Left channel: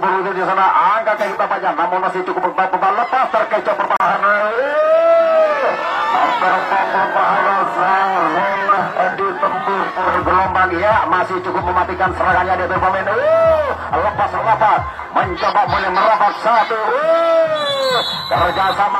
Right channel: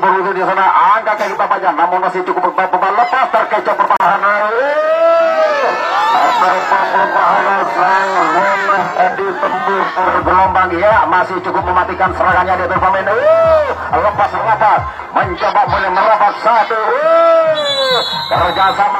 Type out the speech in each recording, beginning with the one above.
Burung di sana angkat ke kita panjang, namun masih cukup beban lepas terkecoh pertahanan. Pertahanan sang Edi tembus bergelombang ya, masih cukup mematikan serangannya dari pemain. Lepas mencoba merapat satu. Kerjasama.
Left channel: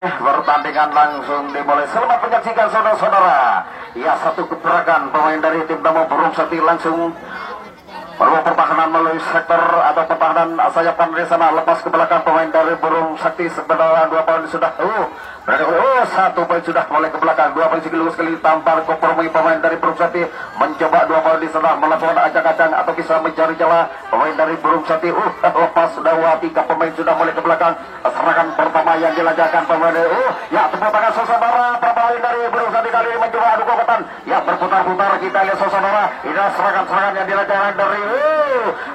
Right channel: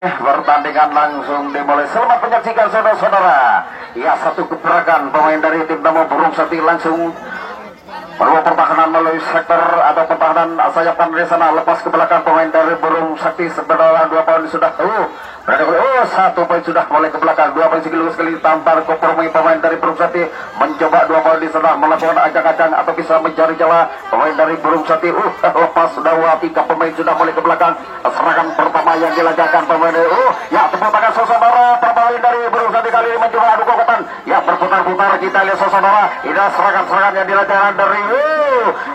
Pertandingan langsung dimulai. Selamat menyaksikan saudara-saudara. Ya, satu gebrakan pemain dari tim Damo Burung Sakti langsung perlu pertahanan melalui sektor atau pertahanan sayap kanan di sana, lepas ke belakang pemain dari Burung Sakti sebenarnya 2 poin sudah satu poin sudah mulai ke belakang, 2 poin sekali tampar kompromi pemain dari Burung Sakti mencoba 2 poin di sana melakukan acak-acak atau bisa mencari celah pemain dari Burung Sakti. Lepas sudah tiga pemain sudah mulai ke belakang. Serangan pertama yang dilancarkan pemain ya, tepuk tangan saudara. Pemain dari Burung Sakti kali ini mencoba adu kokatan ya, berputar-putar kita lihat saudara. Ini serangan-serangan yang dilancarkan dari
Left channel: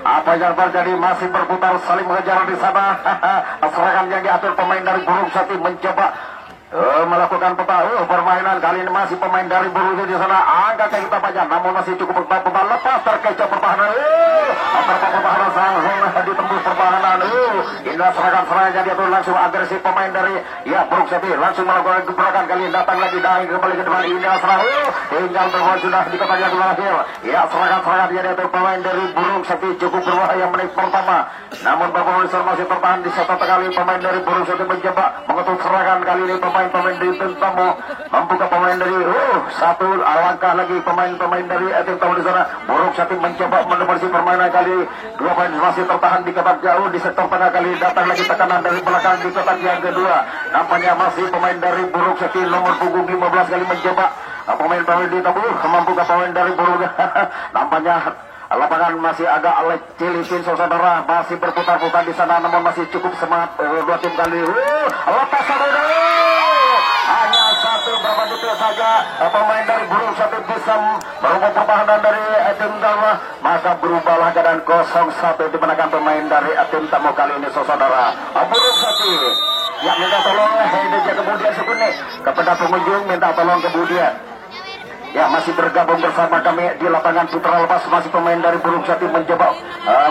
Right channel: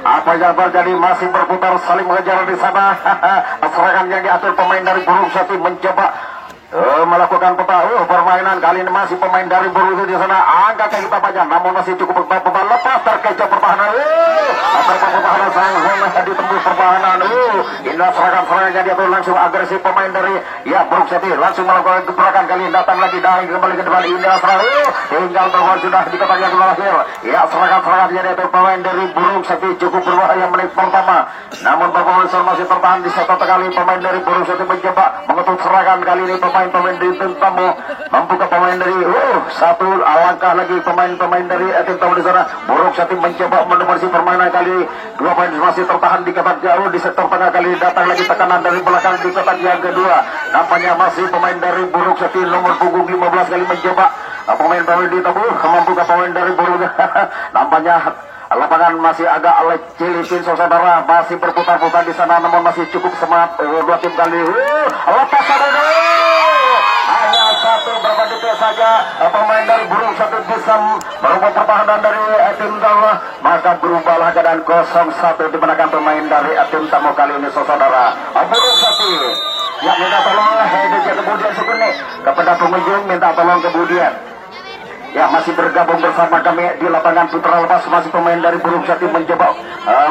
apa yang terjadi, masih berputar saling mengejar di sana. Serangan yang diatur pemain dari Burung Sakti mencoba melakukan permainan kali ini, masih pemain dari Burung Sakti di sana angkat ke kita panjang, namun masih cukup beban lepas terkecoh pertahanan. Pertahanan sang ditembus pertahanan. Indah serangan-serangan yang diatur langsung agresif pemain dari ya Burung Sakti langsung melakukan gebrakan kali ini, datang lagi dari kembali ke depan. Indah serangan tinggal bahwa sudah di kotaknya terakhir ya, serangan-serangan yang diatur pemain dari Burung Sakti cukup berbahaya menit pertama, namun Bapak masih tertahan di satu kali. Pemain dari Burung Sakti mencoba mengetuk serangan kali ini, pemain di tim Tamu membuka pemain dari satu alangkah lagi pemain dari tim Tamu di sana. Burung Sakti mencoba menebarsi permainan kali 2 poin masih tertahan di kotak jauh di sektor tengah. Kali datang lagi tekanan dari belakang di kotak yang kedua, nampaknya masih pemain dari Burung Sakti nomor punggung 15 kali mencoba pemain di Tamu membuka pemain dari Burung. Nampaknya lapangan masih agak licin saudara, masih berputar-putar di sana, namun masih cukup semangat 2 tim kali. Lepas satu hanya satu berapa detik saja pemain dari Burung Sakti bisa merubah pertahanan dari tim Tamu, maka berubahlah keadaan 0-1 dimenangkan pemain dari tim Tamu kali ini saudara. Burung Sakti ya minta tolong kemudian Sukune kepada pengunjung, minta tolong kemudian ya, masih bergabung bersama kami di lapangan putra lepas. Masih pemain dari Burung Sakti mencoba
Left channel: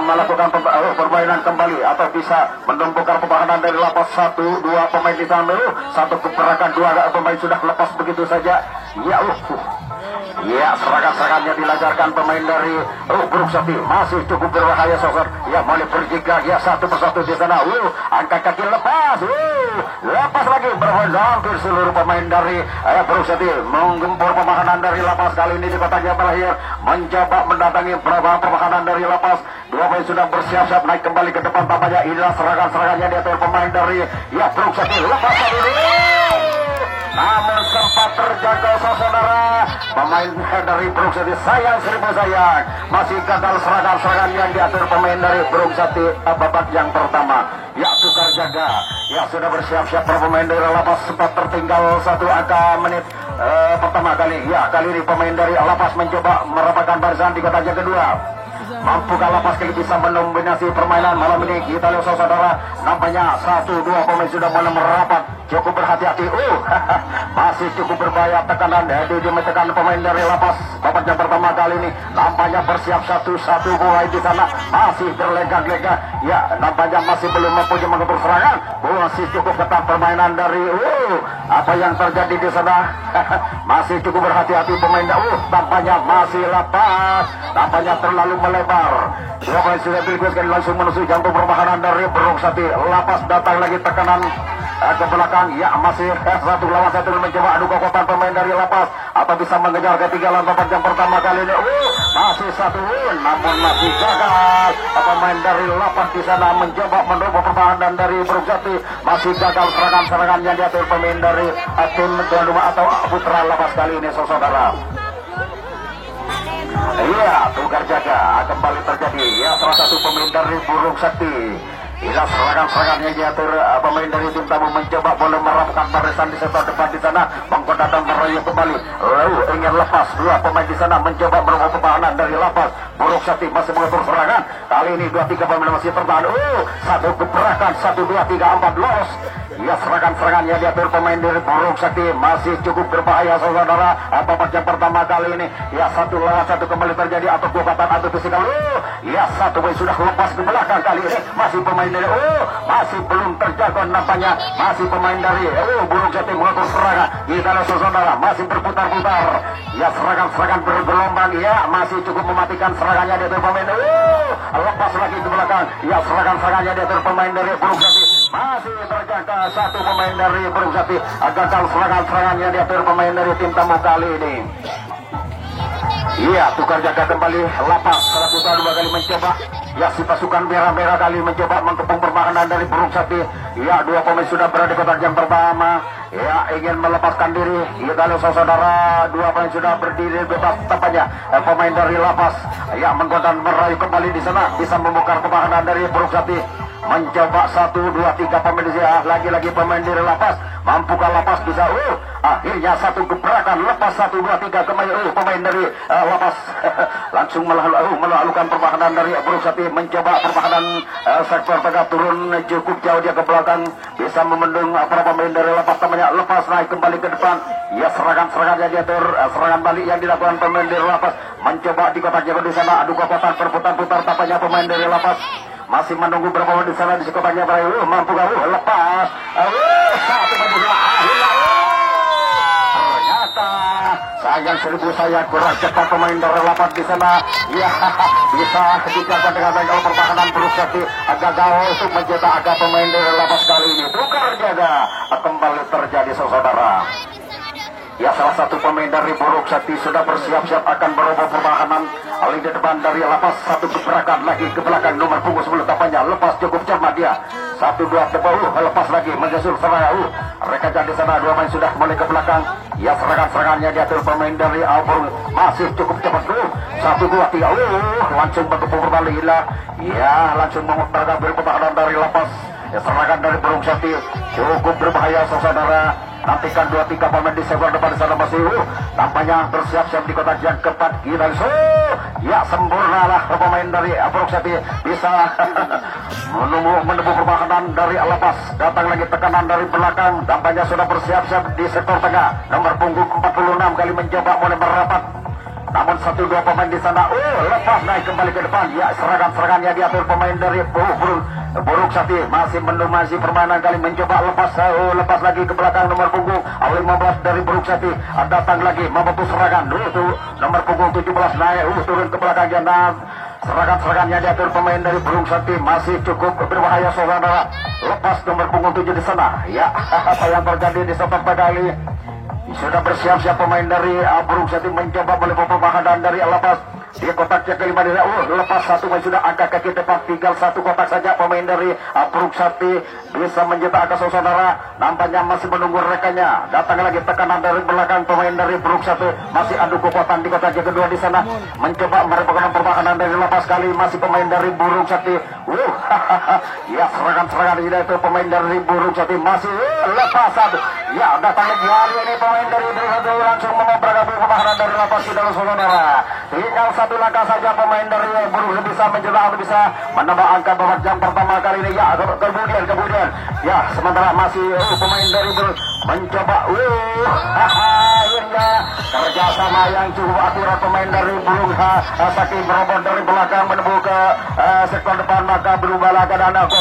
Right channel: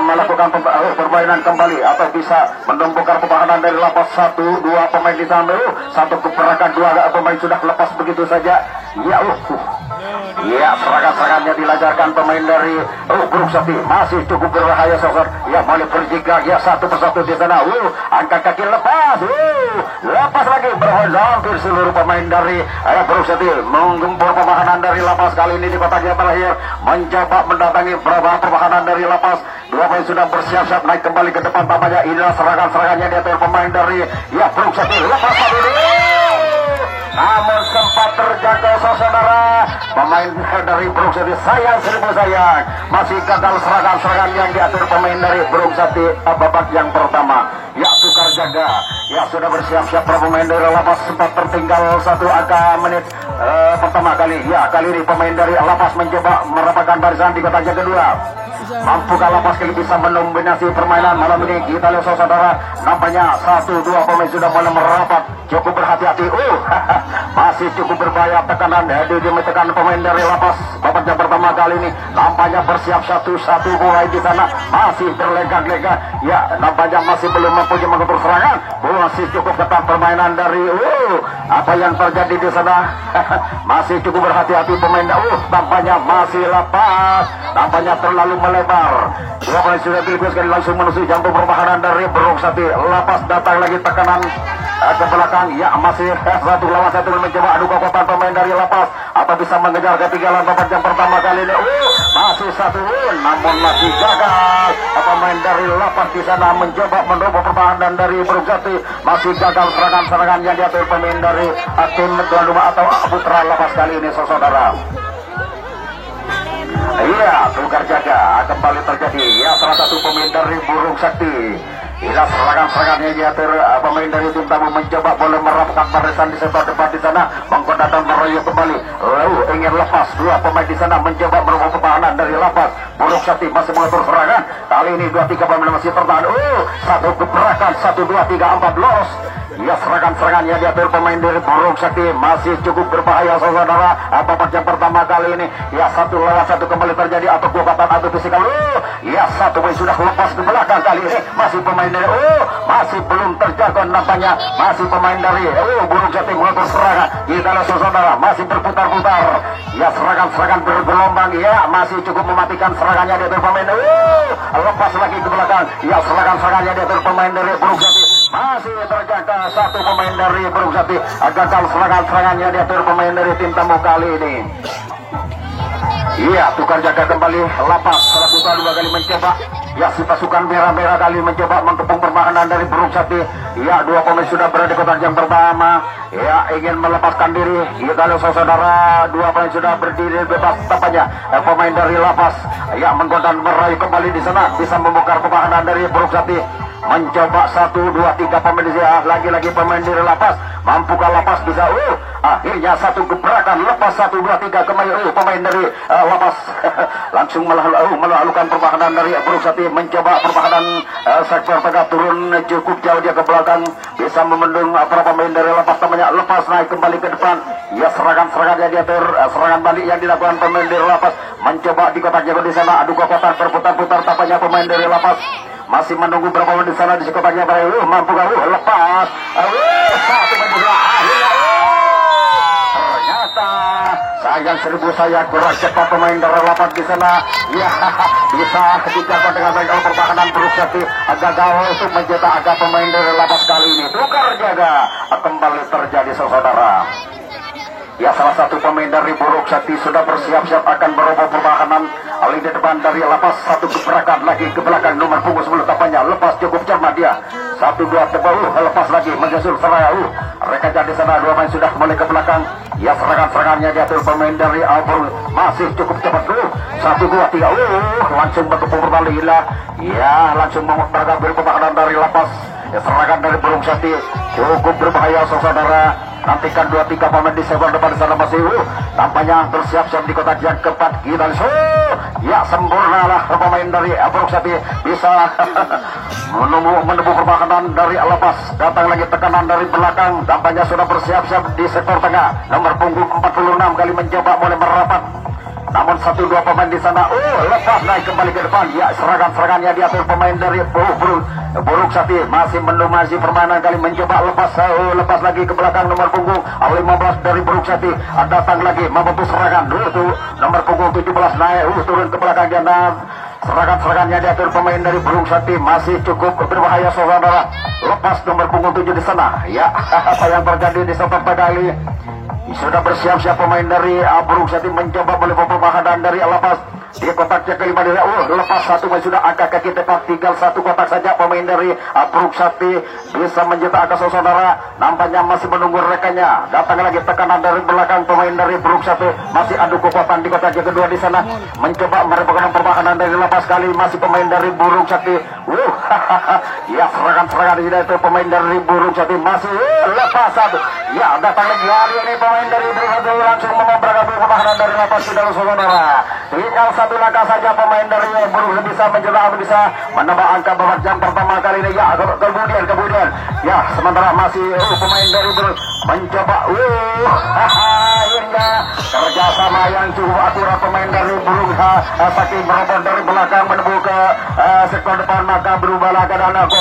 melakukan permainan kembali atau bisa menumbuhkan pertahanan dari lapas. 1-2 pemain di sana, satu keperakan 2 pemain sudah lepas begitu saja ya, serangan-serangannya dilancarkan pemain dari Burung Sakti masih cukup berbahaya saudara ya, mulai berjiga ya, satu persatu di sana. Angkat kaki lepas lagi berhampir seluruh pemain dari Burung Sakti menggempur pertahanan dari lapas. Kali ini di kota Jabalahir mencoba mendatangi beberapa pertahanan dari lapas. 2 pemain sudah bersiap-siap naik kembali ke depan. Tampaknya inilah serangan-serangannya di atas pemain dari ya Burung Sakti. Lepas ini namun sempat terjaga saudara, pemain dari Burung Sakti sayang masih gagal serangan-serangan yang diatur pemain dari Burung Sakti babak yang pertama ya, tukar jaga ya, sudah bersiap-siap pemain dari lapas. Sempat tertinggal 1 angka menit pertama kali ya, kali ini pemain dari lapas mencoba merapatkan barisan di kotak kedua. Mampukah lapas kali bisa mendominasi permainan malam ini? Kita lihat saudara, nampaknya 1-2 pemain sudah mulai merapat, cukup berhati-hati. Masih cukup berbahaya tekanan di menekan pemain dari lapas. Babak yang pertama kali ini nampaknya bersiap satu mulai di sana, masih berlegak-legak ya, nampaknya masih belum mempunyai mengatur serangan. Masih cukup ketat permainan dari apa yang terjadi di sana. Masih cukup berhati-hati pemain. Tampaknya masih lapas, tampaknya terlalu melebar. 2 pemain sudah dilepaskan langsung menuju jantung pertahanan dari Burung Sakti. Lapas datang lagi tekanan ke belakang ya, masih 1 lawan 1 mencoba adu kekuatan pemain dari lapas atau bisa mengejar ketinggalan babak yang pertama kali ini. Masih 1 namun masih gagal. Pemain dari lapas di sana mencoba mencoba pertahanan dari Burung Sakti, masih gagal serangan-serangan yang diatur pemain dari tim tuan rumah atau putra lapas kali ini saudara. Iya, tukar jaga kembali terjadi. Ya, salah satu pemain dari Burung Sakti. Inilah serangan-serangannya diatur pemain dari tim tamu mencoba boleh merapkan barisan di sebelah depan di sana, menggoda dan merayu kembali. Lalu ingin lepas, dua pemain di sana mencoba merebut pertahanan dari lapas. Burung Sakti masih mengatur serangan. Kali ini 2-3 pemain masih tertahan. Satu gebrakan, 1, 2, 3, 4 los. Ya, serangan-serangannya diatur pemain dari Burung Sakti masih cukup berbahaya saudara. Babak yang pertama kali ini ya 1 lawan 1 kembali terjadi atau kekuatan atau fisikal. Ya, satu pemain sudah lepas ke belakang kali ini masih pemain dari masih belum terjaga nampaknya masih pemain dari Burung Sakti mengatur serangan. Kita saudara masih berputar-putar. Ya, serangan-serangan bergelombang ya masih cukup mematikan serangannya diatur pemain. Lepas lagi ke belakang. Ya, serangan-serangannya diatur pemain dari Burung Sakti masih terjaga. Satu pemain dari Burung Sakti gagal serangan-serangannya diatur pemain dari tim tamu kali ini. Iya, tukar jaga kembali lapas setelah kita 2 kali mencoba. Ya, si pasukan merah-merah kali mencoba mengepung pertahanan dari Burung Sakti. Ya, 2 pemain sudah berada di kotak yang pertama. Ya, ingin melepaskan diri. Ya, kalau saudara 2 pemain sudah berdiri bebas tampaknya. Pemain dari lapas ya menggoda merayu kembali di sana, bisa membongkar pertahanan dari Burung Sakti. Mencoba 1, 2, 3 pemain dia. Lagi-lagi pemain dari lapas. Mampukah lapas bisa? Akhirnya 1 gebrakan lepas 1, 2, 3 kembali. Pemain dari lapas langsung melakukan pertahanan dari Burung Sakti. Mencoba pertahanan sektor tengah turun cukup jauh dia ke belakang. Bisa membendung para pemain dari lapas namanya. Lepas naik kembali ke depan. Ya, serangan-serangan yang diatur. Serangan balik yang dilakukan pemain dari lapas. Mencoba di kotak jago di sana. Adu kekuatan berputar-putar tampaknya pemain dari lapas. Masih menunggu berapa menit di sana di sekotaknya mampu lepas. Satu menit akhirnya. Ternyata sayang 1000 sayang kurang cepat pemain dari lapas di sana. Ya, bisa dijaga dengan baik kalau pertahanan Burung Sakti gagal untuk mencetak agak pemain dari lapas kali ini. Tukar jaga kembali terjadi saudara. Ya, salah satu pemain dari Burung Sakti sudah bersiap-siap akan berubah pertahanan. Alih ke depan dari lapas, 1 gebrakan lagi ke belakang nomor punggung 10 tampaknya lepas cukup cermat dia. 1, 2 tebal lepas lagi menyusul serangan. Mereka jadi sana 2 pemain sudah kembali ke belakang. Ya, serangan-serangannya diatur pemain dari Burung masih cukup cepat 1, 2, 3 langsung bertepuk kembali lah. Ya, langsung mengambil pertahanan dari lapas. Ya, serangan dari Burung Sakti cukup berbahaya saudara. Nantikan 2-3 pemain di sebelah depan di sana masih tampaknya bersiap-siap di kotak yang keempat. Kita ya, sempurna lah pemain dari Burung Sakti bisa menunggu pertahanan dari lapas. Datang lagi tekanan dari belakang. Tampaknya sudah bersiap-siap di sektor tengah. Nomor punggung 46 kali mencoba mulai merapat. Namun 1-2 pemain di sana lepas naik kembali ke depan. Ya, serangan-serangannya diatur pemain dari Burung Sakti masih mendomasi permainan kali mencoba lepas lagi ke belakang nomor punggung 15 dari Burung Sakti. Datang lagi mampu serangan nomor punggung 17 naik turun ke belakang jana. Serangan-serangannya diatur pemain dari Burung Sakti masih cukup berbahaya saudara. Lepas nomor punggung 7 di sana. Ya, apa yang terjadi di sepak kali sudah bersiap-siap pemain dari Burung Sakti mencoba melepas pertahanan dari lapas. Di kotaknya kelima dari lepas 1 sudah angka kaki tepat, tinggal 1 kotak saja pemain dari Burung Sakti bisa mencetak angka saudara. Nampaknya masih menunggu rekannya. Datang lagi tekanan dari belakang pemain dari Burung Sakti masih adu kekuatan di kotaknya kedua di sana. Mencoba merebutkan pertahanan dari lapas kali masih pemain dari Burung Sakti. Ya, serangan-serangan itu pemain dari Burung Sakti masih lepas 1. Ya, datang lagi hari ini pemain dari Burung Sakti langsung memperagakan pertahanan dari lapas sudah saudara. Tinggal 1 langkah saja pemain dari Burung bisa mencetak atau bisa menambah angka babak yang pertama kali ini. Ya, kemudian ya, sementara masih pemain dari Burung mencoba hingga kerjasama yang cukup akurat pemain dari Burung Sakti merobot dari belakang menuju ke sektor depan, maka berubah lagi dan 0-2.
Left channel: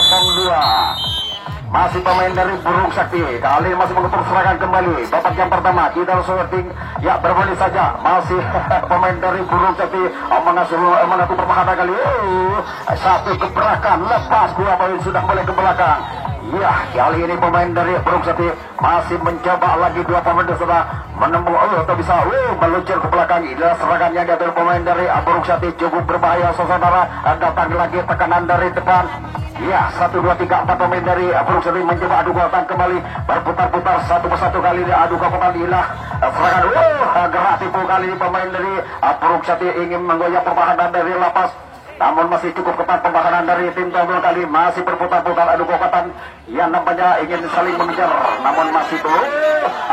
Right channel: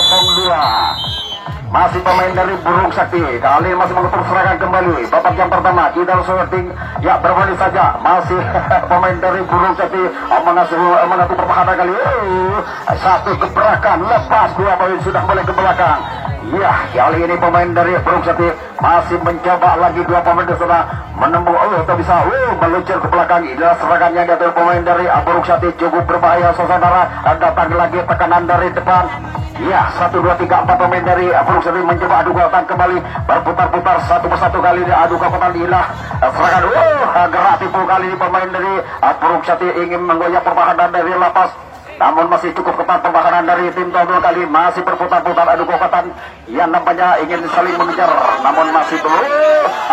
Masih pemain dari Burung Sakti kali masih mengutuk serangan kembali. Babak yang pertama kita shooting ya berbalik saja. Masih pemain dari Burung Sakti mengatur pertahanan kali. 1 gebrakan lepas 2 poin sudah mulai ke belakang. Iya, kali ini pemain dari Burung Sati masih mencoba lagi dua pemain di sana menembus atau bisa meluncur ke belakang. Inilah serangan yang dari pemain dari Burung Sati cukup berbahaya saudara. Datang lagi tekanan dari depan. Iya, 1, 2, 3, 4 pemain dari Burung Sati mencoba adu kekuatan kembali berputar-putar satu persatu kali ini adu kekuatan. Inilah serangan gerak tipu kali ini pemain dari Burung Sati ingin menggoyah pertahanan dari lapas. Namun masih cukup ketat pertahanan dari tim Tonggol kali masih berputar-putar adu kekuatan yang nampaknya ingin saling mengejar, namun masih belum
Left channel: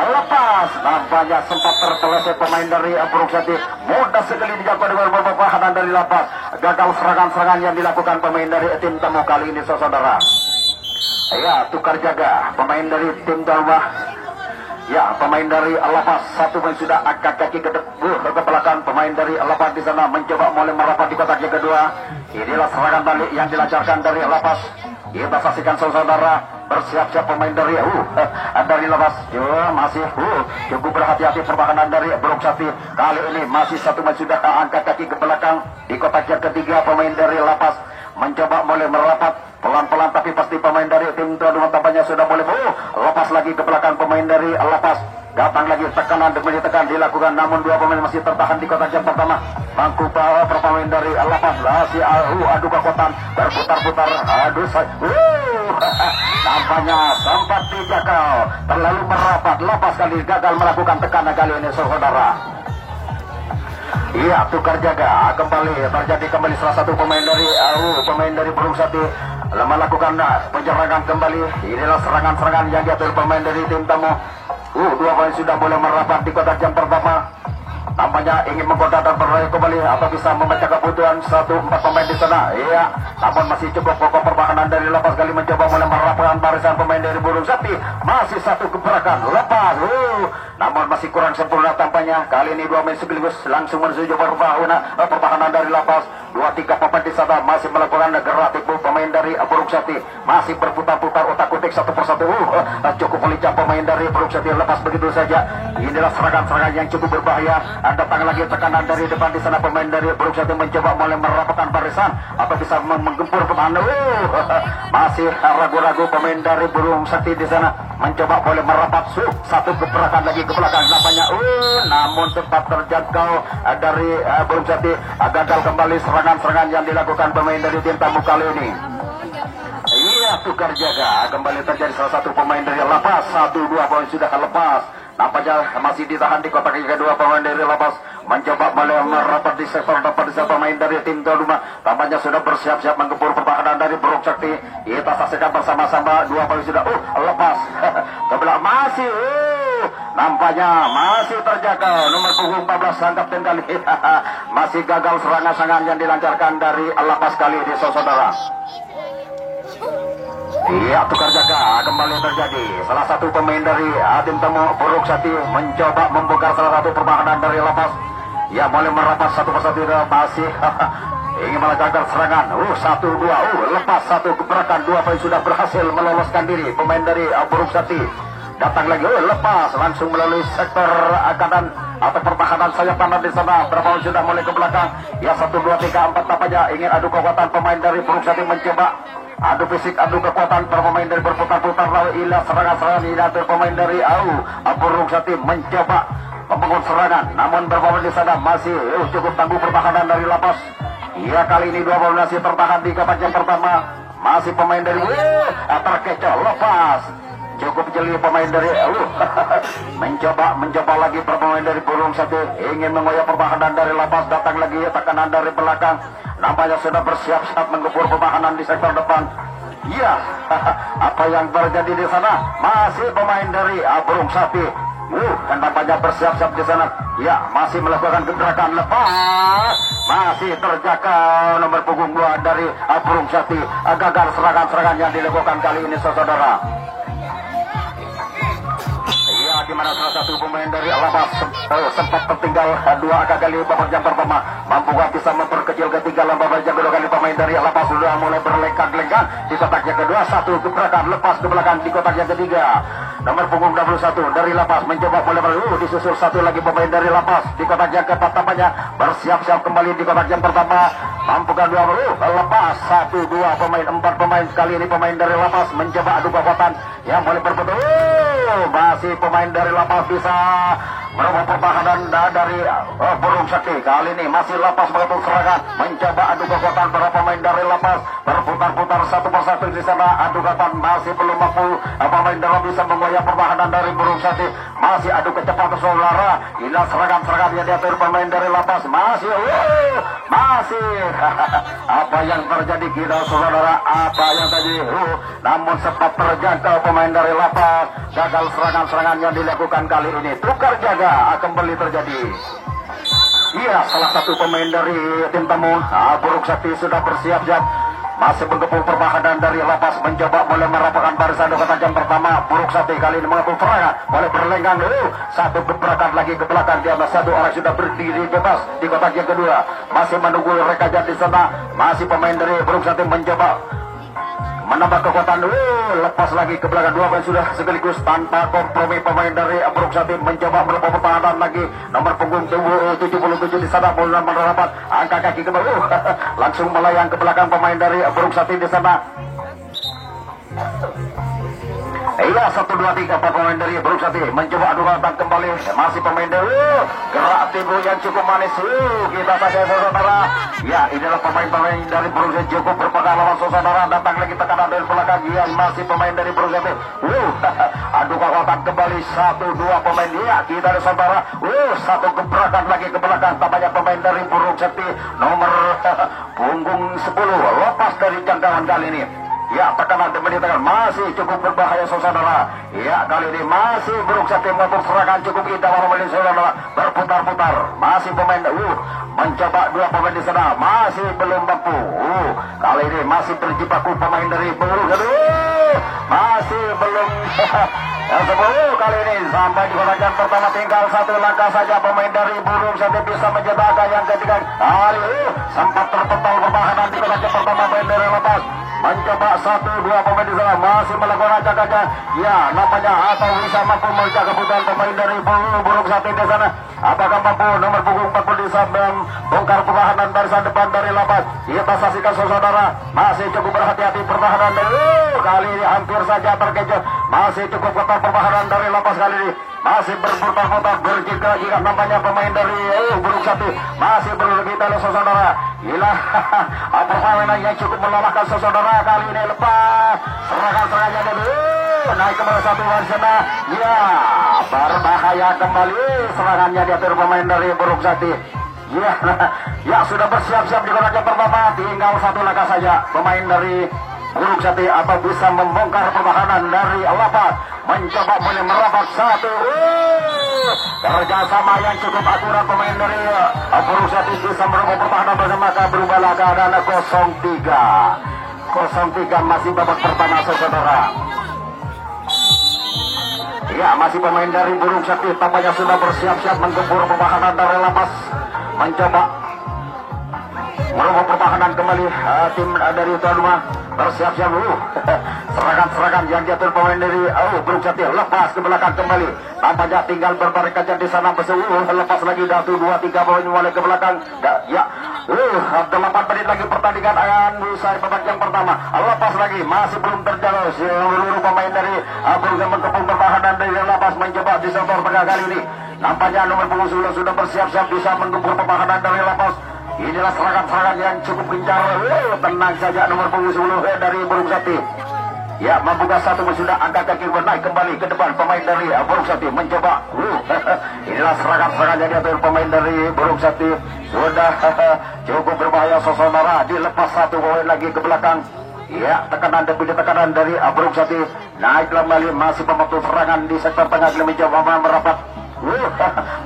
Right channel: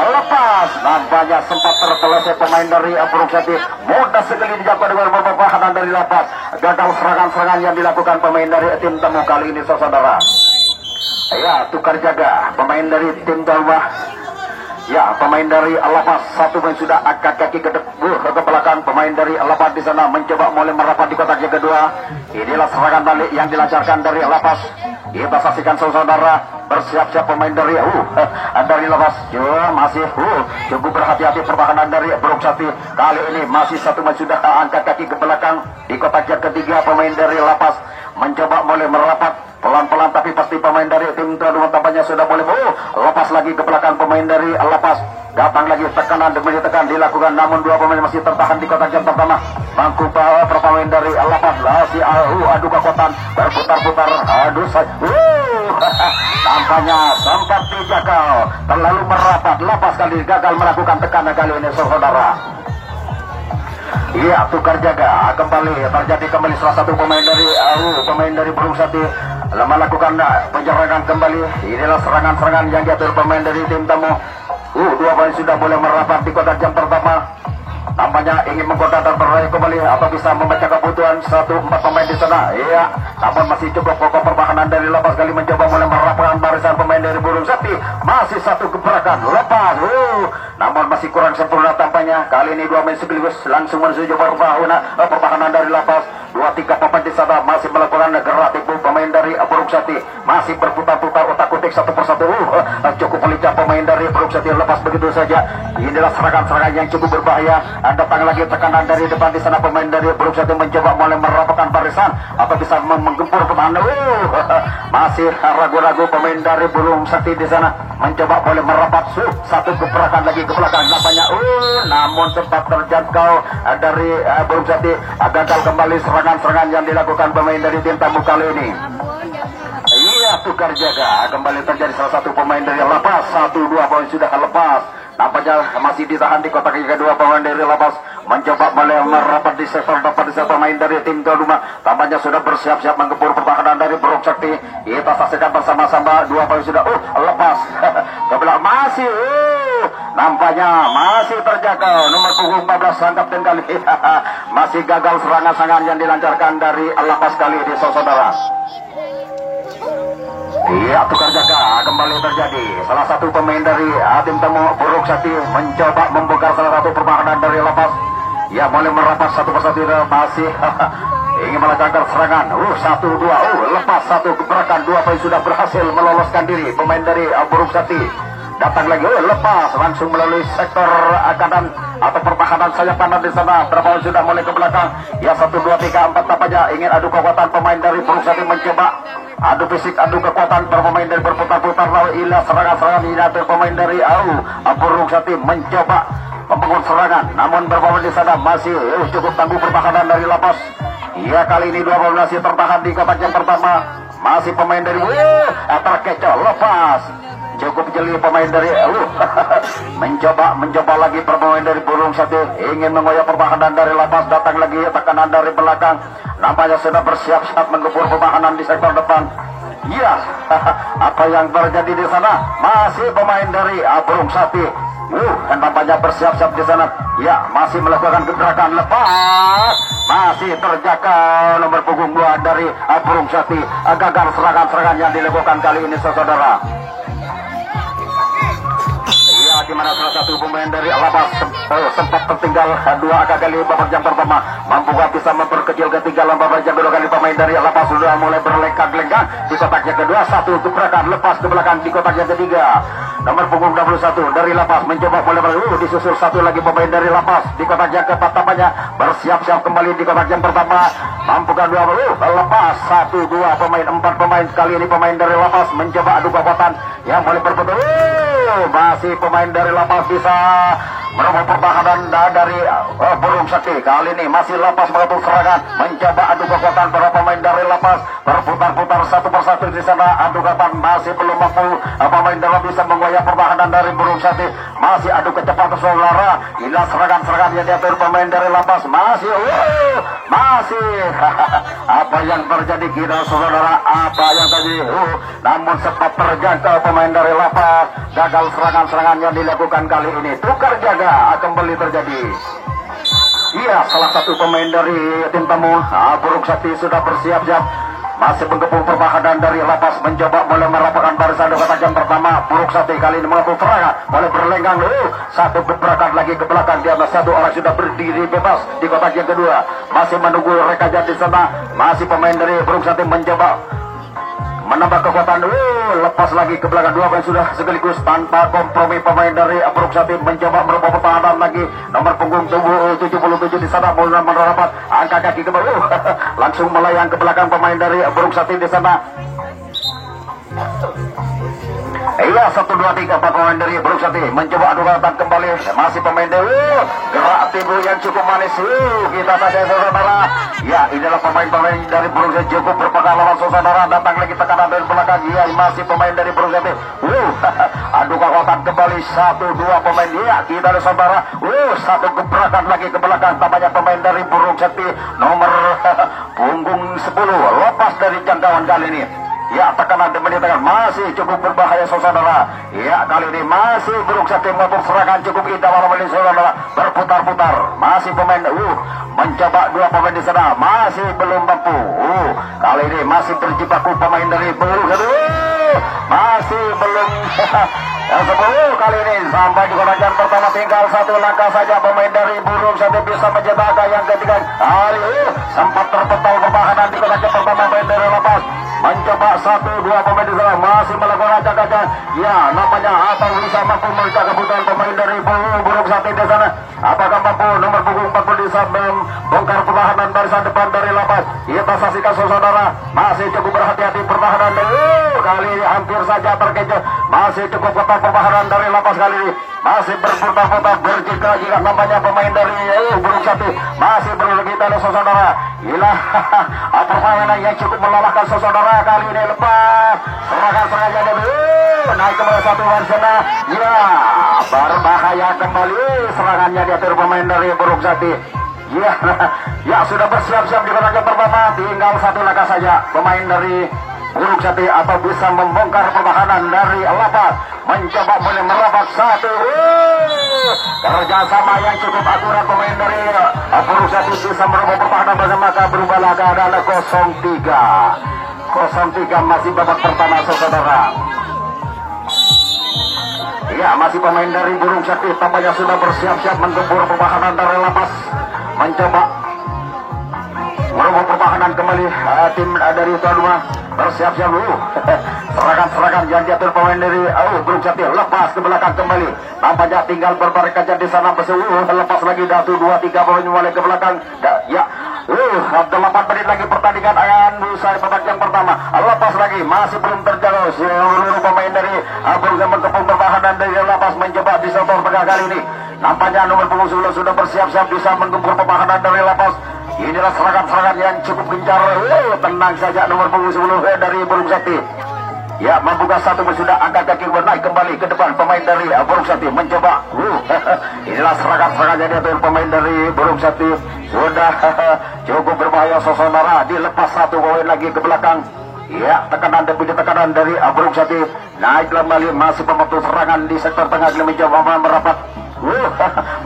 lepas. Nampaknya sempat terpeleset pemain dari Burung Sati, mudah sekali dijangkau dengan pertahanan dari lapas. Gagal serangan-serangan yang dilakukan pemain dari tim Temu kali ini saudara. Ya, tukar jaga pemain dari tim Dalmah. Ya, pemain dari Lapas satu pemain sudah angkat kaki ke belakang. Pemain dari Lapas di sana mencoba mulai merapat di kotak yang kedua. Inilah serangan balik yang dilancarkan dari Lapas. Kita saksikan saudara, bersiap-siap pemain dari Lapas. Ya, masih cukup berhati-hati pertahanan dari Burung Sati. Kali ini masih satu pemain sudah angkat kaki ke belakang di kotak yang ketiga. Pemain dari Lapas mencoba mulai merapat pelan-pelan, tapi pasti pemain dari tim Traduma tampaknya sudah boleh lepas lagi ke belakang. Pemain dari Lapas datang lagi tekanan demi tekan dilakukan, namun dua pemain masih tertahan di kotak jam pertama. Mangku pemain dari Lapas masih adu kekuatan berputar-putar tampaknya sempat dijagal terlalu merapat. Lapas kali gagal melakukan tekanan kali ini saudara. Iya, tukar jaga kembali terjadi kembali salah satu pemain dari Burung Sati melakukan penyerangan kembali. Inilah serangan-serangan yang diatur pemain dari tim Tamu. Dua pemain sudah boleh merapat di kotak jam pertama. Nampaknya ingin menggoda dan berlari kembali atau bisa memecah kebutuhan 1-4 pemain di sana. Iya, namun masih cukup pokok pertahanan dari Lapas kali mencoba mulai merapatkan barisan pemain dari Burung Sati. Masih satu gebrakan lepas. Namun masih kurang sempurna tampaknya. Kali ini dua main sekaligus langsung menuju pertahanan dari Lapas. 2-3 pemain di sana masih melakukan gerak tipu pemain dari Burung Sati. Masih berputar-putar otak-atik satu persatu. Cukup melincah pemain dari Burung Sati lepas begitu saja. Inilah serangan-serangan yang cukup berbahaya. Datang lagi tekanan dari depan di sana pemain dari Burung Sati mencoba mulai merapatkan barisan atau bisa menggempur ke mana. Masih ragu-ragu pemain dari Burung Sati di sana mencoba boleh merapat satu gebrakan lagi ke belakang nampaknya. Namun sempat terjangkau dari Burung Sati. Gagal kembali serangan-serangan yang dilakukan pemain dari tim Tamu kali ini. Iya, tukar jaga kembali terjadi salah satu pemain dari Lapas. 1-2 poin sudah lepas. Nampaknya masih ditahan di kotak yang kedua pemain dari Lapas mencoba mulai merapat di sektor depan di pemain dari tim Traduma. Tampaknya sudah bersiap-siap menggempur pertahanan dari Burung Sati. Kita saksikan bersama-sama dua poin sudah lepas. Kebelah masih nampaknya masih terjaga nomor punggung 14 sangkap tim kali. Masih gagal serangan-serangan yang dilancarkan dari Lapas kali ini saudara. Iya, tukar jaga kembali terjadi. Salah satu pemain dari tim Tamu Burung Sati mencoba membongkar salah satu pertahanan dari Lapas. Ya, mulai merapat satu persatu masih ingin melancarkan serangan. 1-2 lepas satu gebrakan. Dua poin sudah berhasil meloloskan diri pemain dari Burung Sati. Datang lagi lepas langsung melalui sektor kanan atau pertahanan sayap kanan di sana. Berapa sudah mulai ke belakang. Ya, 1, 2, 3, 4 tampaknya ingin adu kekuatan pemain dari Burung Sati mencoba adu fisik, adu kekuatan pemain dari berputar-putar lalu ilah serangan-serangan diatur pemain dari Burung Sati mencoba membangun serangan. Namun berpemain di sana masih cukup tangguh pertahanan dari Lapas. Iya, kali ini dua pemain masih tertahan di kotak yang pertama. Masih pemain dari terkecoh lepas. Cukup jeli pemain dari mencoba lagi pemain dari Burung Sati ingin mengoyak pertahanan dari Lapas. Datang lagi tekanan dari belakang. Nampaknya sudah bersiap-siap menggempur pertahanan di sektor depan. Iya, apa yang terjadi di sana? Masih pemain dari Burung Sati. Dan nampaknya bersiap-siap di sana. Ya, masih melakukan gebrakan lepas. Masih terjaga nomor punggung 2 dari Burung Sati. Gagal serangan-serangan yang dilakukan kali ini saudara. Di mana salah satu pemain dari Lapas sempat tertinggal dua kali babak jam pertama, mampukah bisa memperkecil ketinggalan babak jam kedua kali. Pemain dari Lapas sudah mulai berlengkang-lengkang di kotak yang kedua, satu gebrakan lepas ke belakang di kotak yang ketiga. Nomor punggung 21 dari Lapas mencoba mulai disusul satu lagi pemain dari Lapas di kotak yang keempat, tampaknya bersiap-siap kembali di kotak yang pertama, mampukah dua Lepas satu dua pemain, empat pemain kali ini pemain dari Lapas mencoba adu kekuatan yang boleh berbetul. Masih pemain dari Lapas bisa merebut pertahanan dari Burung Sakti. Kali ini masih Lapas mengatur serangan, mencoba adu kekuatan para pemain dari Lapas berputar-putar satu persatu di sana. Adu kekuatan masih belum mampu pemain dari bisa mengoyak pertahanan dari Burung Sakti. Masih adu kecepatan saudara. Inilah serangan-serangan yang diatur pemain dari Lapas. Masih apa yang terjadi kita saudara? Apa yang tadi? Namun sempat terjangkau pemain dari Lapas. Gagal serangan-serangan yang dilakukan kali ini. Tukar jaga kembali terjadi. Iya, salah satu pemain dari tim tamu Burung Sakti sudah bersiap-siap. Masih bergabung pertahanan dari Lapas mencoba mulai merapatkan barisan di kotak yang pertama. Burung Sakti kali ini melakukan serangan, mulai berlenggang satu gebrakan lagi ke belakang, di atas satu orang sudah berdiri bebas di kotak yang kedua. Masih menunggu rekaja di sana. Masih pemain dari Burung Sakti mencoba menambah kekuatan. Lepas lagi ke belakang, dua pemain sudah sekaligus tanpa kompromi. Pemain dari Burung Sakti mencoba merubah pertahanan lagi. Nomor punggung 77 di sana mulai merapat angka kaki ke bawah. Langsung melayang ke belakang pemain dari Burung Sakti di sana. Iya, 1, 2, 3 pemain dari Burung Sakti mencoba adu kekuatan kembali. Masih pemain dari gerak timbul yang cukup manis. Kita saja saudara. Ya, inilah pemain-pemain dari Burung Sakti cukup berpengalaman saudara. Datang lagi tekanan dari belakang. Ya, masih pemain dari Burung Sakti. Adu kekuatan kembali 1, 2 pemain. Ya, kita ada saudara. Satu gebrakan lagi ke belakang. Tampaknya pemain dari Burung Sakti nomor punggung 10 lepas dari jangkauan kali ini. Ya, tekanan kembali tangan masih cukup berbahaya saudara. Ya, kali ini masih Burung Sakti melakukan serangan cukup indah warna saudara. Berputar-putar. Masih pemain mencoba dua pemain di sana. Masih belum mampu. Kali ini masih terjibaku pemain dari Burung Sakti. Masih belum sebelum kali ini sampai di kotak yang pertama, tinggal satu langkah saja pemain dari Burung Sakti bisa menjebak yang ketiga. Kali ini sempat terpental pertahanan di kotak yang pertama pemain dari Lapas. Mencoba 1, 2 pemain di sana masih melakukan acak-acak. Ya, nampaknya atau bisa mampu mereka kebutuhan pemain dari Burung Sakti di sana. Apakah mampu nomor punggung 40 bisa membongkar pertahanan barisan depan dari Lapas? Kita saksikan saudara. Masih cukup berhati-hati pertahanan dari kali ini hampir saja terkecoh. Masih cukup ketat pertahanan dari Lapas kali ini. Masih berputar-putar berjika-jika nampaknya pemain dari Burung Sakti masih berlegita saudara. Gila, permainan yang cukup melelahkan saudara. Kali ini lepas serangan-serangannya dulu naik kembali satu sana. Ya, berbahaya kembali serangannya diatur pemain dari Burung Sakti. Ya, ya sudah bersiap-siap di kotak yang pertama, tinggal satu langkah saja pemain dari Burung Sakti atau bisa membongkar pertahanan dari Lapas. Mencoba mulai merapat satu. Kerjasama yang cukup akurat pemain dari Burung Sakti bisa merubah pertahanan bersama, maka berubahlah keadaan 0-3 masih babak pertama saudara. Ya, masih pemain dari Burung Sakti tampaknya sudah bersiap-siap menggempur pertahanan dari Lapas. Mencoba merubah pertahanan kembali. Tim dari tuan rumah bersiap-siap dulu. Serangan-serangan yang diatur pemain dari Burung Sakti lepas ke belakang kembali. Nampaknya tinggal berbaring kaca di sana. Lepas lagi 1, 2, 3 pemain mulai ke belakang. Ya, 8 menit lagi pertandingan akan usai babak yang pertama. Lepas lagi masih belum terjangkau seluruh pemain dari Burung Sakti berkepung pertahanan dari Lapas mencoba di sektor tengah kali ini. Nampaknya nomor punggung 11 sudah bersiap-siap bisa menggempur pertahanan dari Lapas. Inilah serangan-serangan yang cukup gencar. Tenang saja nomor punggung 10 dari Burung Sakti. Ya, membuka satu sudah angkat kaki naik kembali ke depan pemain dari Burung Sakti mencoba. Inilah serangan-serangan yang diatur pemain dari Burung Sakti. Sudah cukup berbahaya saudara. Dilepas satu poin lagi ke belakang. Ya, tekanan dan punya tekanan dari Burung Sakti. Naik kembali masih pembentuk serangan di sektor tengah mencoba merapat.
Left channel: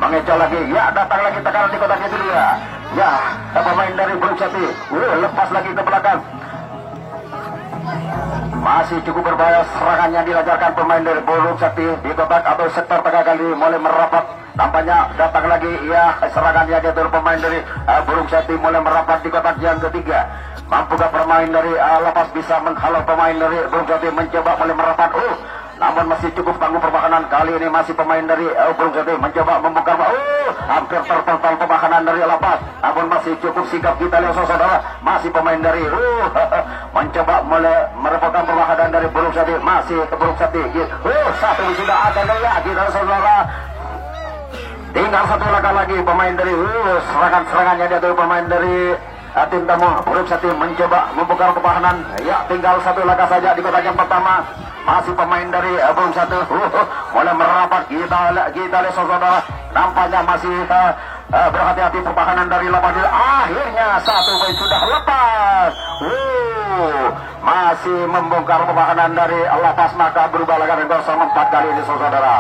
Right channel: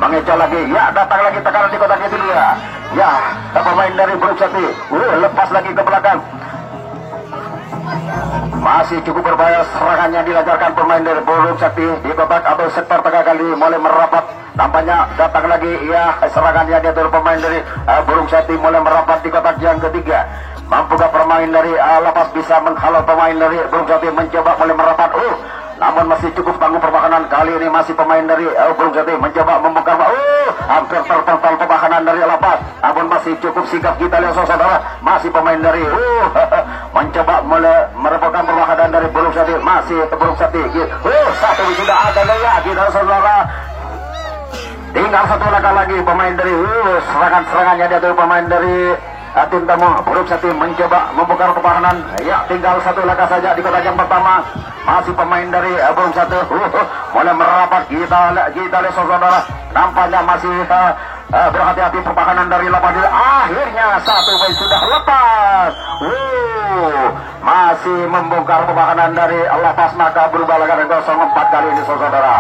Mengejar lagi. Ya, datang lagi tekanan di kotak itu dia. Ya, pemain dari Burung Sakti lepas lagi ke belakang. Masih cukup berbahaya serangan yang dilancarkan pemain dari Burung Sakti di kotak atau sektor tengah kali mulai merapat. Tampaknya datang lagi ya serangan yang diatur pemain dari Burung Sakti mulai merapat di kotak yang ketiga. Mampukah pemain dari Lapas bisa menghalau pemain dari Burung Sakti mencoba mulai merapat. Namun masih cukup tangguh pertahanan. Kali ini masih pemain dari Burung Sakti mencoba membongkar. Hampir terpental pertahanan dari Lapas. Namun masih cukup sigap kita lihat saudara. Masih pemain dari mencoba merebutkan pertahanan dari Burung Sakti. Masih Burung Sakti. Satu sudah ada lagi saudara. Tinggal satu langkah lagi pemain dari serangan-serangannya dia tuh pemain dari tim tamu. Burung Sakti mencoba membongkar pertahanan. Ya, tinggal satu langkah saja di kotak yang pertama. Masih pemain dari Burung Sakti mulai merapat. Kita lihat saudara. Nampaknya masih berhati-hati pertahanan dari Lapas. Akhirnya satu poin sudah lepas. Masih membongkar pertahanan dari Lapas, maka berubah laga 0-4 kali ini saudara.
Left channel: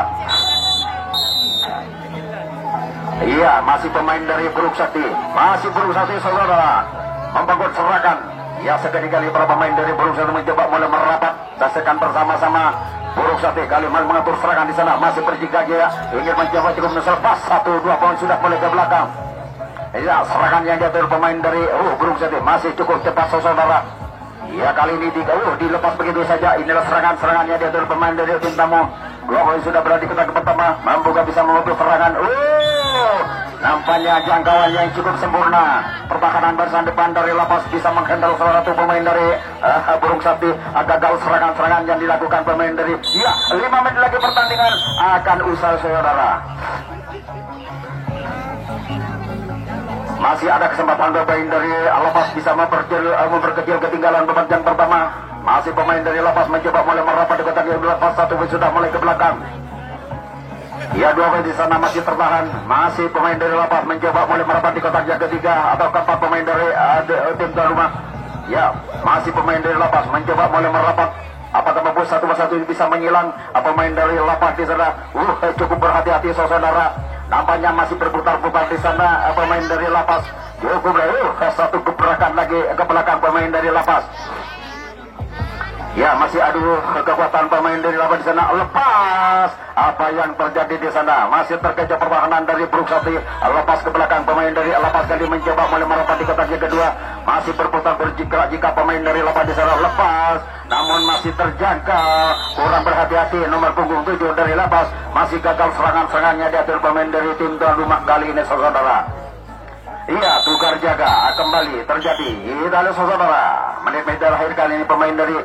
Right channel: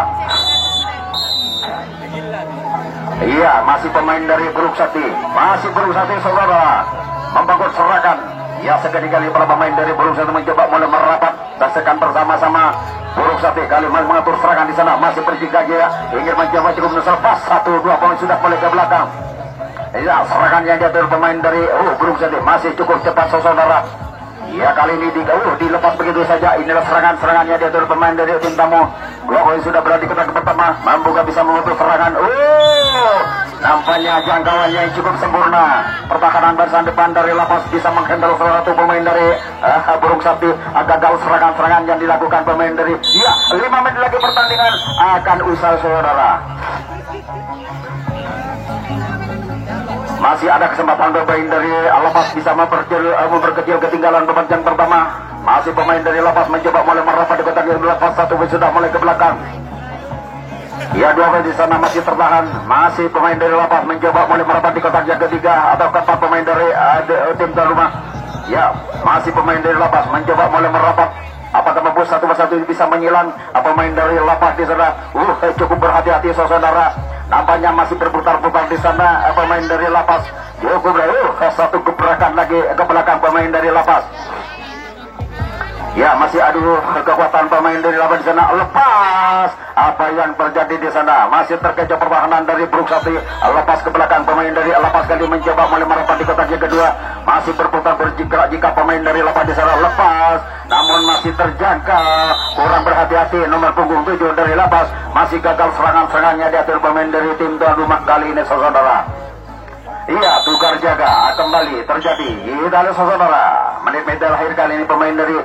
Iya, masih pemain dari Burung Sakti. Masih Burung Sakti saudara membangun serangan. Ya, sekali-kali para pemain dari Burung Sakti mencoba mulai merapat. Saksikan bersama-sama Burung Sakti kali mengatur serangan di sana. Masih berjiga ya, ingin mencoba cukup menyerpas. 1-2 poin sudah mulai ke belakang. Ya, serangan yang diatur pemain dari Burung Sakti masih cukup cepat saudara. Ya, kali ini dilepas begitu saja. Inilah serangan-serangannya diatur pemain dari tim tamu. 2 poin sudah berada di kotak pertama. Mampu gak bisa memutus serangan. Nampaknya jangkauan yang cukup sempurna. Pertahanan barisan depan dari Lapas bisa menghandle salah satu pemain dari Burung Sakti. Gagal serangan-serangan yang dilakukan pemain dari 5 menit lagi pertandingan akan usai saudara. Masih ada kesempatan pemain dari Lapas bisa memperkecil ketinggalan pertandingan pertama. Masih pemain dari Lapas mencoba mulai merapat di kotak yang Lapas. 1 sudah mulai ke belakang. Ya, 2 poin di sana masih tertahan. Masih pemain dari Lapas mencoba mulai merapat di kotak yang ketiga atau keempat pemain dari tim tuan rumah. Ya, masih pemain dari Lapas mencoba mulai merapat. Apakah mampu satu persatu ini bisa menyilang pemain dari Lapas di sana? Cukup berhati-hati saudara. Nampaknya masih berputar-putar di sana pemain dari Lapas. Cukup satu gebrakan lagi ke belakang pemain dari Lapas. Ya, masih adu kekuatan pemain dari Lapas di sana. Lepas. Apa yang terjadi di sana? Masih terkecoh pertahanan dari Burung Sakti. Lepas ke belakang pemain dari Lapas kali mencoba mulai merapat di kotak yang kedua. Masih berputar berjika jika pemain dari Lapas di sana lepas. Namun masih terjangkau. Kurang berhati-hati nomor punggung 7 dari Lapas. Masih gagal serangan-serangannya diatur pemain dari tim tuan rumah kali ini saudara. Iya, tukar jaga kembali terjadi. Kita lihat saudara. Menit-menit terakhir kali ini pemain dari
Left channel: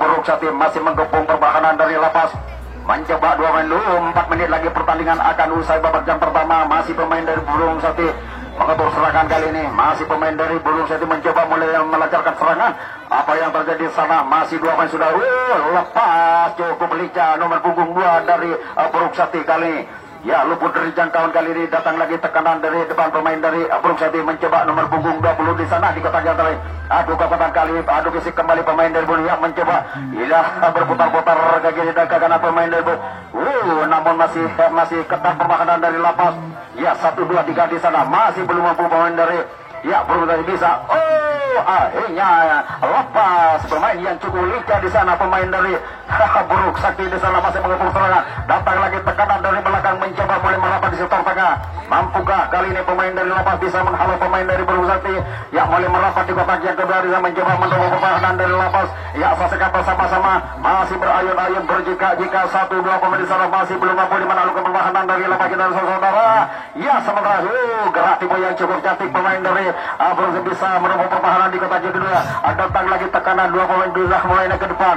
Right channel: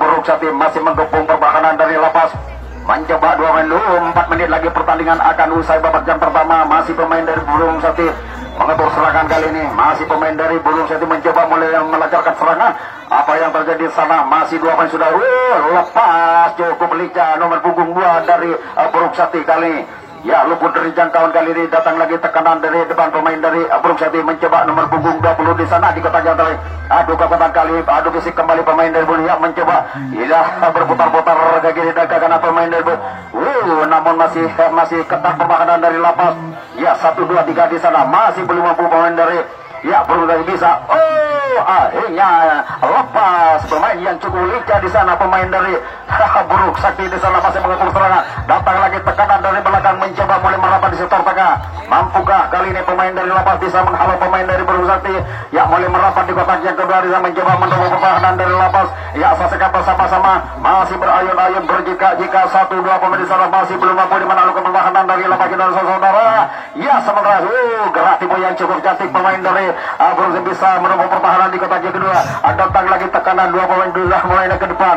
Burung Sakti masih menggepung pertahanan dari Lapas. Mencoba 2 menit dulu, 4 menit lagi pertandingan akan usai babak jam pertama. Masih pemain dari Burung Sakti mengatur serangan kali ini. Masih pemain dari Burung Sakti mencoba mulai melancarkan serangan. Apa yang terjadi di sana? Masih 2 poin sudah lepas. Cukup lincah nomor punggung 2 dari Burung Sakti kali ini. Ya, luput dari jangkauan kali ini. Datang lagi tekanan dari depan pemain dari Burung Sakti mencoba nomor punggung 20 di sana di kotak jantan. Adu kekuatan kali, adu fisik kembali pemain dari Burung yang mencoba. Berputar-putar ke kiri dan ke kanan pemain dari namun masih ketat pertahanan dari Lapas. Ya, 1, 2, 3 di sana masih belum mampu pemain dari Burung Sakti bisa. Akhirnya lepas pemain yang cukup lincah di sana pemain dari Burung Sakti di sana masih mengepung serangan. Datang lagi tekanan dari belakang mencoba mulai merapat di sektor tengah. Mampukah kali ini pemain dari Lapas bisa menghalau pemain dari Burung Sakti? Ya, mulai merapat di kotak yang kedua dia mencoba mendorong pertahanan dari Lapas. Ya, saksikan bersama-sama masih berayun-ayun berjika-jika 1, 2 pemain di sana masih belum mampu menaklukkan pertahanan dari Lapas dan saudara. Ya, sementara gerak tipu yang cukup cantik pemain dari Burung Sakti bisa merebut pertahanan di kotak yang kedua. Datang lagi tekanan 2 pemain sudah mulai ke depan.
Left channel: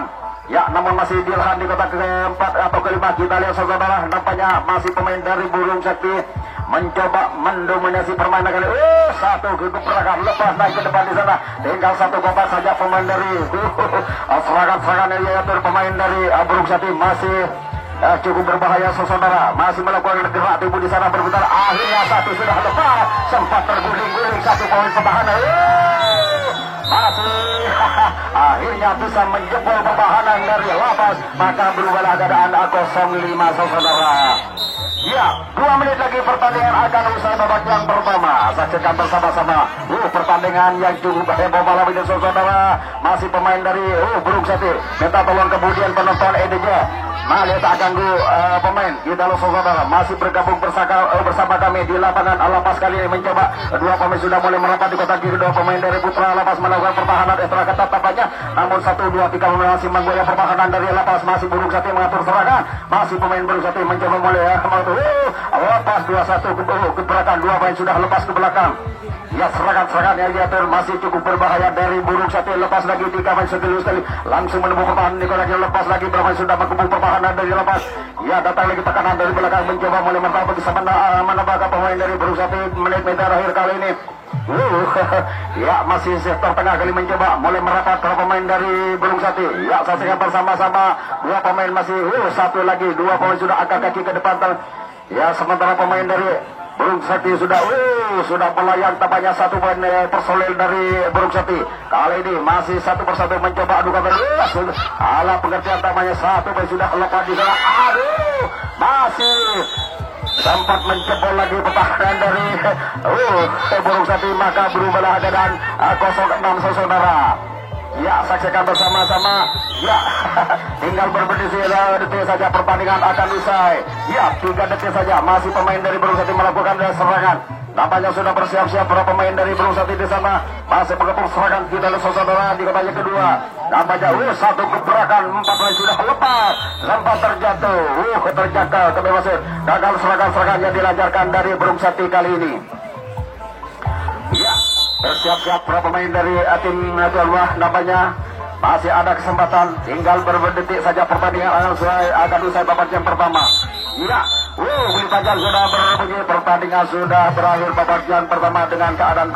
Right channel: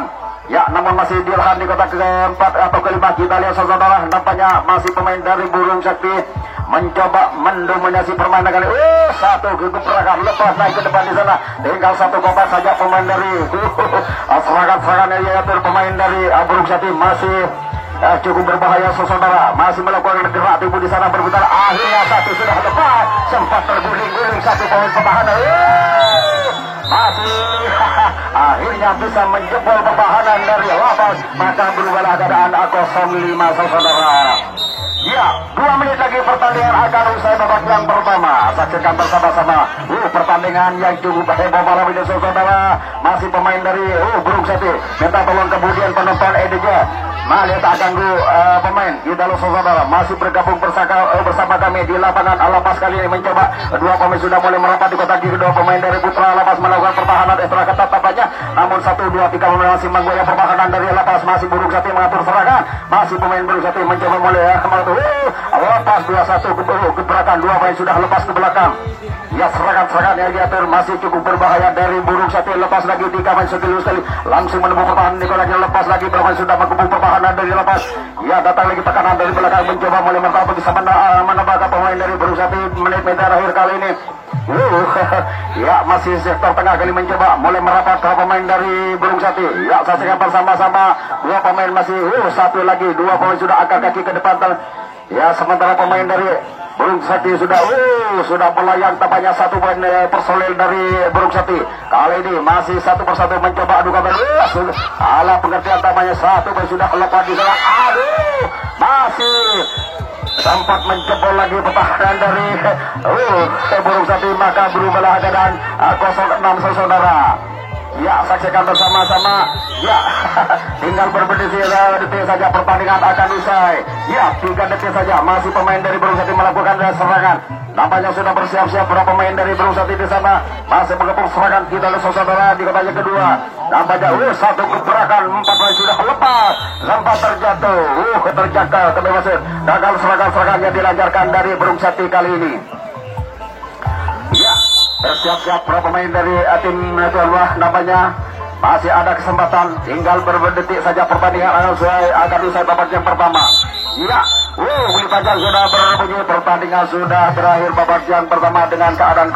Ya, namun masih dirahan di kotak keempat atau kelima. Kita lihat saudara, nampaknya masih pemain dari Burung Sakti mencoba mendominasi permainan kali. Satu gebrakan lepas naik ke depan di sana. Tinggal 1 kotak saja pemain dari serangan-serangan yang diatur pemain dari Burung Sakti masih cukup berbahaya saudara. Masih melakukan gerak tubuh di sana berputar. Akhirnya 1 sudah lepas. Sempat terguling-guling 1 poin pertahanan. Masih akhirnya bisa menjebol pertahanan dari Lapas. Maka berubahlah keadaan 0-5 saudara. Ya, 2 menit lagi pertandingan akan usai babak yang pertama. Saksikan bersama-sama pertandingan yang cukup heboh malam ini saudara. Masih pemain dari Burung Sati. Minta tolong kemudian penonton EDJ. Mari tak ganggu pemain. Kita lo saudara masih bergabung bersama kami di lapangan Lapas kali ini mencoba. 2 pemain sudah mulai merapat di kotak kiri. 2 pemain dari Putra Lapas melakukan pertahanan ekstra ketat tampaknya. Namun 1, 2, 3 pemain masih menggoyang pertahanan dari Lapas. Masih Burung Sati mengatur serangan. Masih pemain Burung Sati mencoba mulai Lapas 2-1 gebrakan. 2 pemain sudah lepas ke belakang. Ya, serangan-serangan yang diatur masih cukup berbahaya dari Burung Sati. Lepas lagi 3 pemain sekali langsung menemukan pertahanan Nikolanya. Lepas lagi bermain sudah mengebuk pertahanan dari Lepas. Ya, datang lagi tekanan dari belakang mencoba mulai mentabrak bisa menambahkan pemain dari Burung Sati menit-menit terakhir kali ini. Ya, masih sektor tengah kali mencoba mulai merapat ke pemain dari Burung Sati. Ya, saksikan bersama-sama 2 pemain masih 1 lagi 2 pemain sudah angkat kaki ke depan. Ya, sementara pemain dari Burung Sati sudah melayang tampaknya 1 poin personil dari Burung Sati. Kali ini masih 1 persatu mencoba adu kabel. Ala pengertian tampaknya 1 poin sudah lepas di sana. Masih sempat menjebol lagi pertahanan dari Burung Sati, maka berubahlah keadaan 0-6 saudara. Ya, saksikan bersama-sama. Ya, tinggal beberapa detik saja pertandingan akan usai. Ya, 3 detik saja masih pemain dari Burung Sati melakukan serangan. Nampaknya sudah bersiap-siap para pemain dari Burung Sati di sana masih mengepung serangan. Kita lihat saudara di kotak kedua. Nampaknya 1 gebrakan 4 pemain sudah lepas. Sempat terjatuh. Terjangkau kebebasan. Gagal serangan-serangan yang dilancarkan dari Burung Sati kali ini. Ya, bersiap-siap para pemain dari tim tuan rumah. Nampaknya masih ada kesempatan. Tinggal beberapa detik saja pertandingan akan usai babak yang pertama. Ya, bunyi pajak sudah berbunyi. Pertandingan sudah berakhir babak yang pertama dengan keadaan